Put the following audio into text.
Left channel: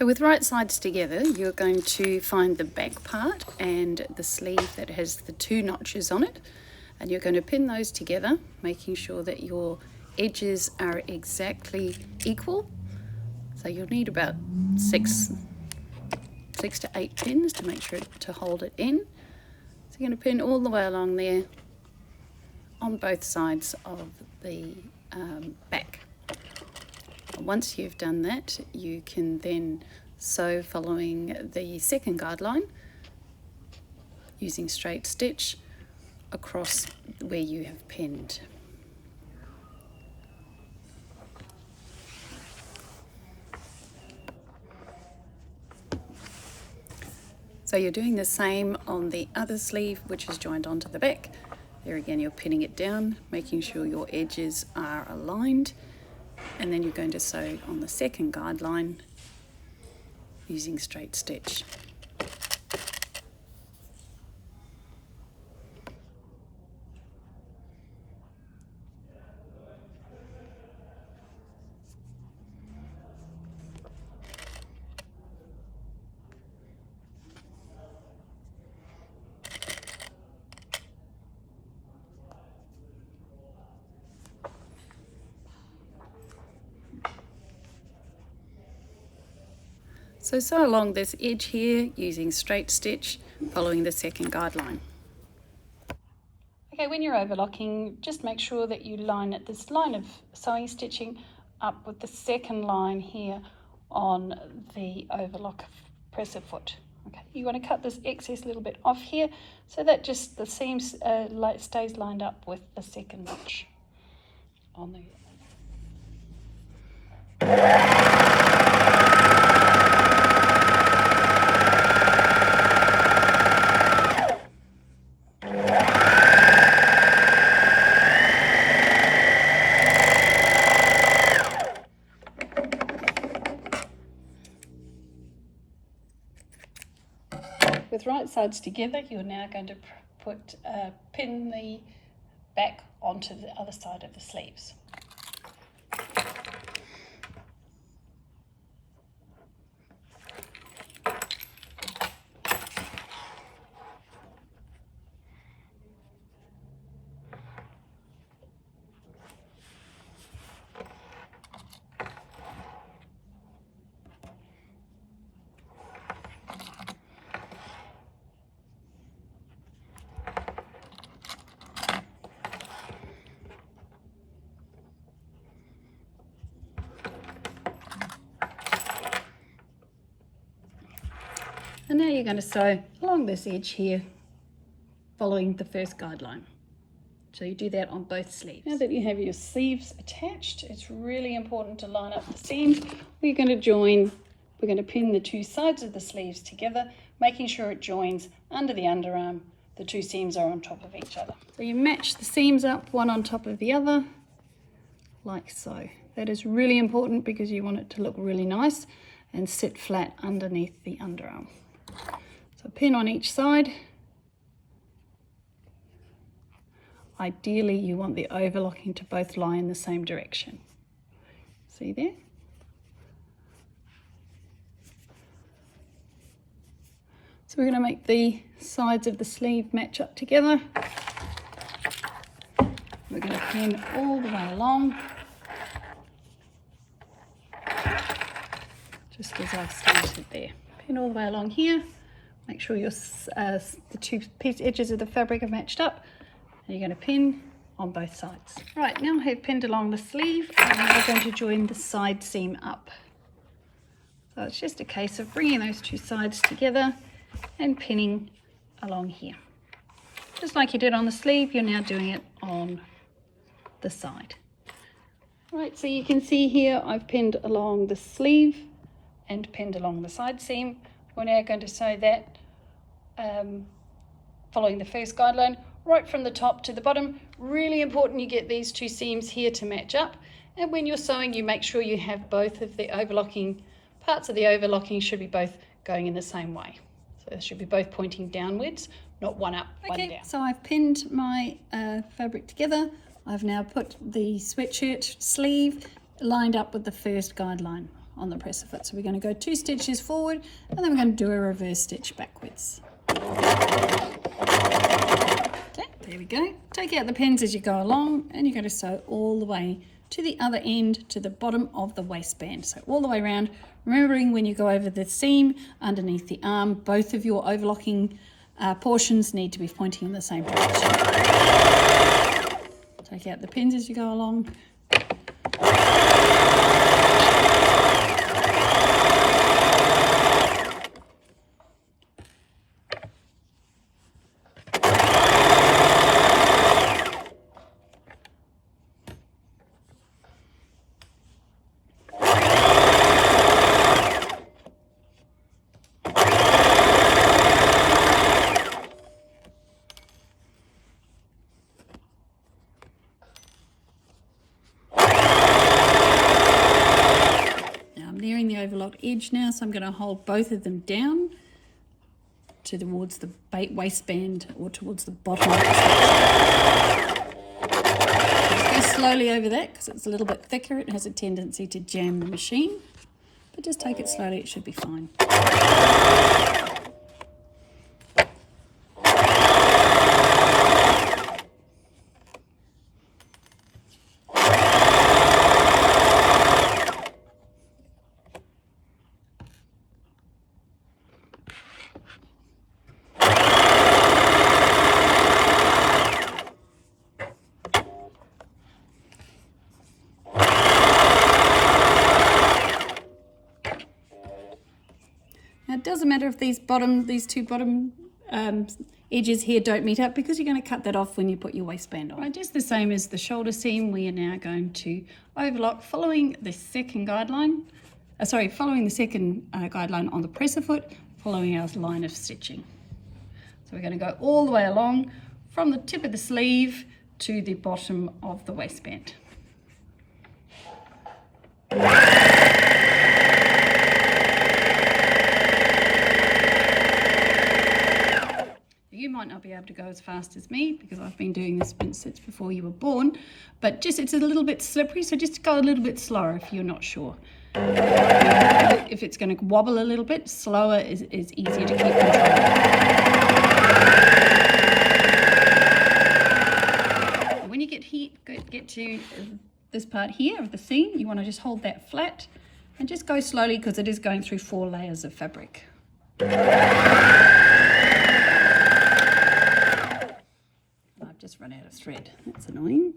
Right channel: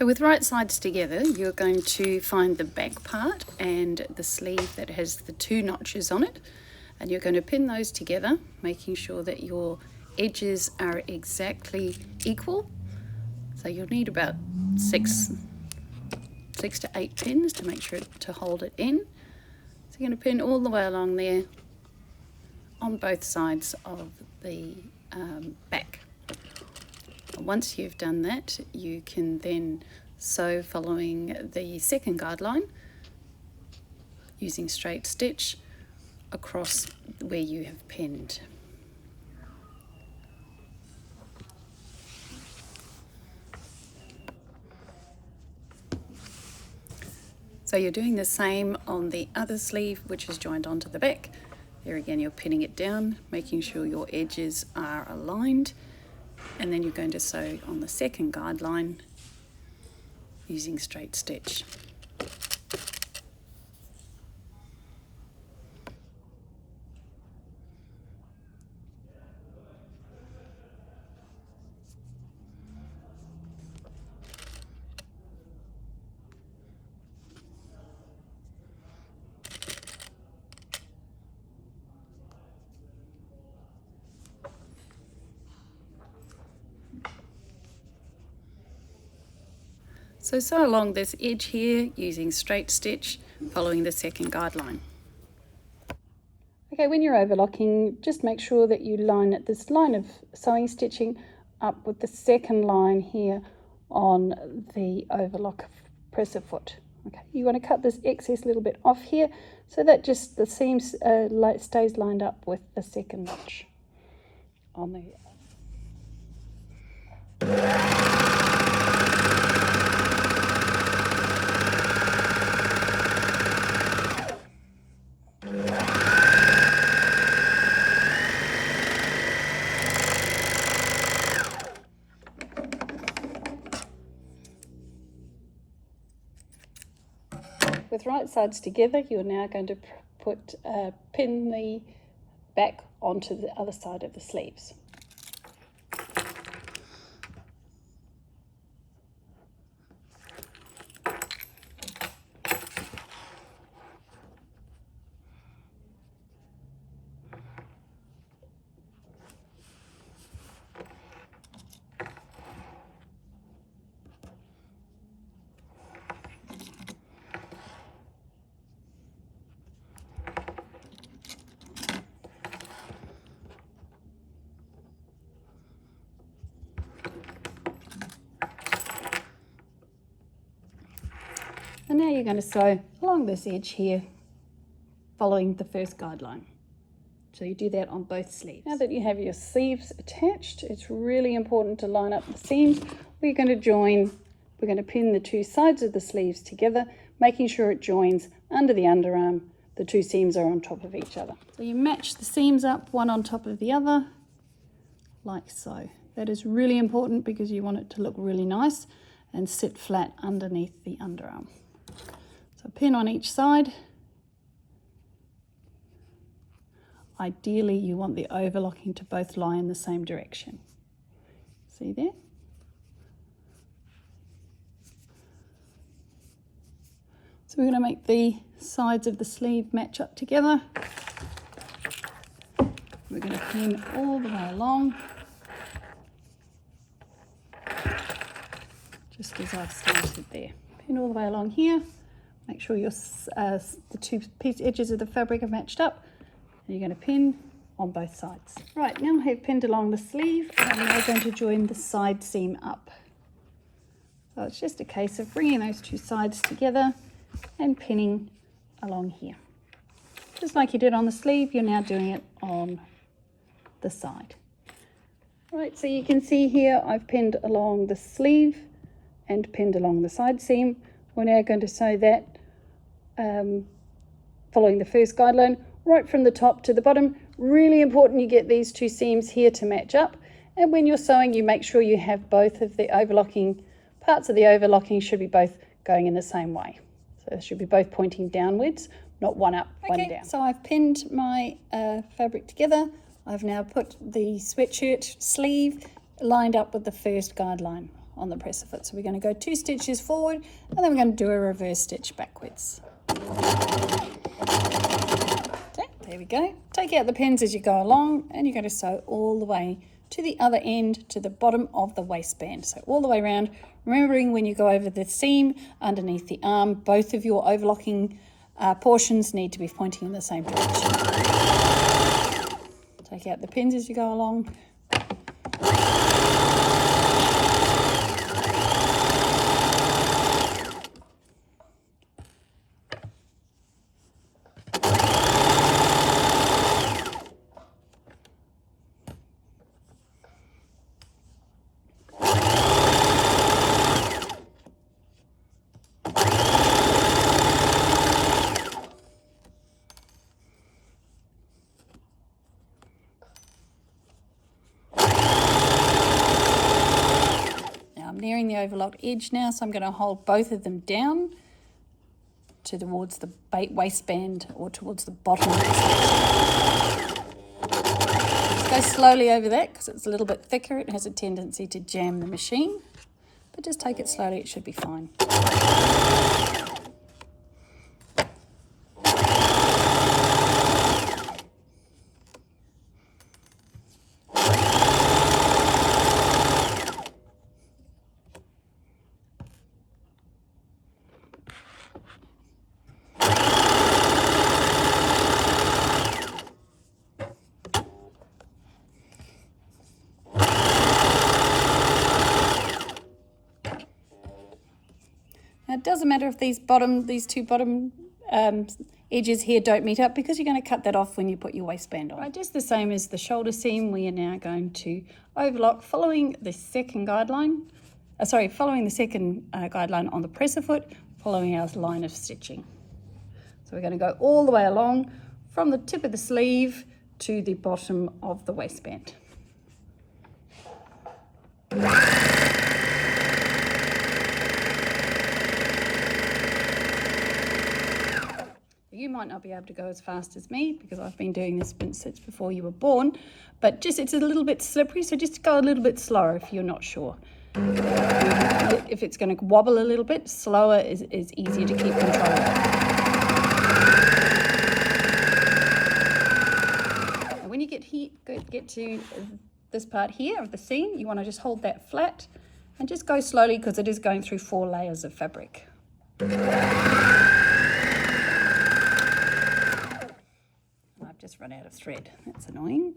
So with right sides together, you're going to find the back part and the sleeve that has the 2 notches on it, and you're going to pin those together, making sure that your edges are exactly equal. So you'll need about 6 to 8 pins to make sure to hold it in. So you're going to pin all the way along there on both sides of the back. Once you've done that, you can then sew following the second guideline using straight stitch across where you have pinned. So you're doing the same on the other sleeve, which is joined onto the back. There again, you're pinning it down, making sure your edges are aligned, and then you're going to sew on the second guideline using straight stitch. So sew along this edge here using straight stitch following the second guideline. Okay, when you're overlocking, just make sure that you line this line of sewing stitching up with the second line here on the overlock presser foot. Okay, you want to cut this excess little bit off here so that just the seams stays lined up with the second notch on the With right sides together, you're now going to pin the back onto the other side of the sleeves. And now you're going to sew along this edge here, following the first guideline. So you do that on both sleeves. Now that you have your sleeves attached, it's really important to line up the seams. We're going to pin the 2 sides of the sleeves together, making sure it joins under the underarm. The 2 seams are on top of each other. So you match the seams up, one on top of the other, like so. That is really important because you want it to look really nice and sit flat underneath the underarm. So pin on each side. Ideally, you want the overlocking to both lie in the same direction. See there? So we're going to make the sides of the sleeve match up together. We're going to pin all the way along, just as I've started there. Pin all the way along here. Make sure the 2 edges of the fabric are matched up. And you're going to pin on both sides. Right, now I have pinned along the sleeve, and we're going to join the side seam up. So it's just a case of bringing those 2 sides together and pinning along here. Just like you did on the sleeve, you're now doing it on the side. Right, so you can see here I've pinned along the sleeve and pinned along the side seam. We're now going to sew that following the first guideline right from the top to the bottom. Really important you get these 2 seams here to match up, and when you're sewing you make sure you have both of the overlocking parts of the overlocking should be both going in the same way. So they should be both pointing downwards, not one up, one down. So I've pinned my fabric together. I've now put the sweatshirt sleeve lined up with the first guideline on the presser foot. So we're going to go 2 stitches forward, and then we're going to do a reverse stitch backwards. Okay, there we go. Take out the pins as you go along, and you're going to sew all the way to the other end, to the bottom of the waistband. So all the way around, remembering when you go over the seam underneath the arm, both of your overlocking portions need to be pointing in the same direction. Take out the pins as you go along. The overlocked edge now, so I'm going to hold both of them down towards the waistband or towards the bottom of the stitch. Go slowly over that because it's a little bit thicker. It has a tendency to jam the machine, but just take it slowly, it should be fine. Now it doesn't matter if these two bottom edges here don't meet up, because you're going to cut that off when you put your waistband on. Right, just the same as the shoulder seam, we are now going to overlock following the second guideline. Following the second guideline on the presser foot, following our line of stitching. So we're going to go all the way along from the tip of the sleeve to the bottom of the waistband. You might not be able to go as fast as me because I've been doing this since before you were born, but it's a little bit slippery, so just go a little bit slower if you're not sure. If it's going to wobble a little bit, slower is easier to keep control of. When you get to this part here of the seam, you want to just hold that flat and just go slowly because it is going through 4 layers of fabric. I've just run out of thread. That's annoying.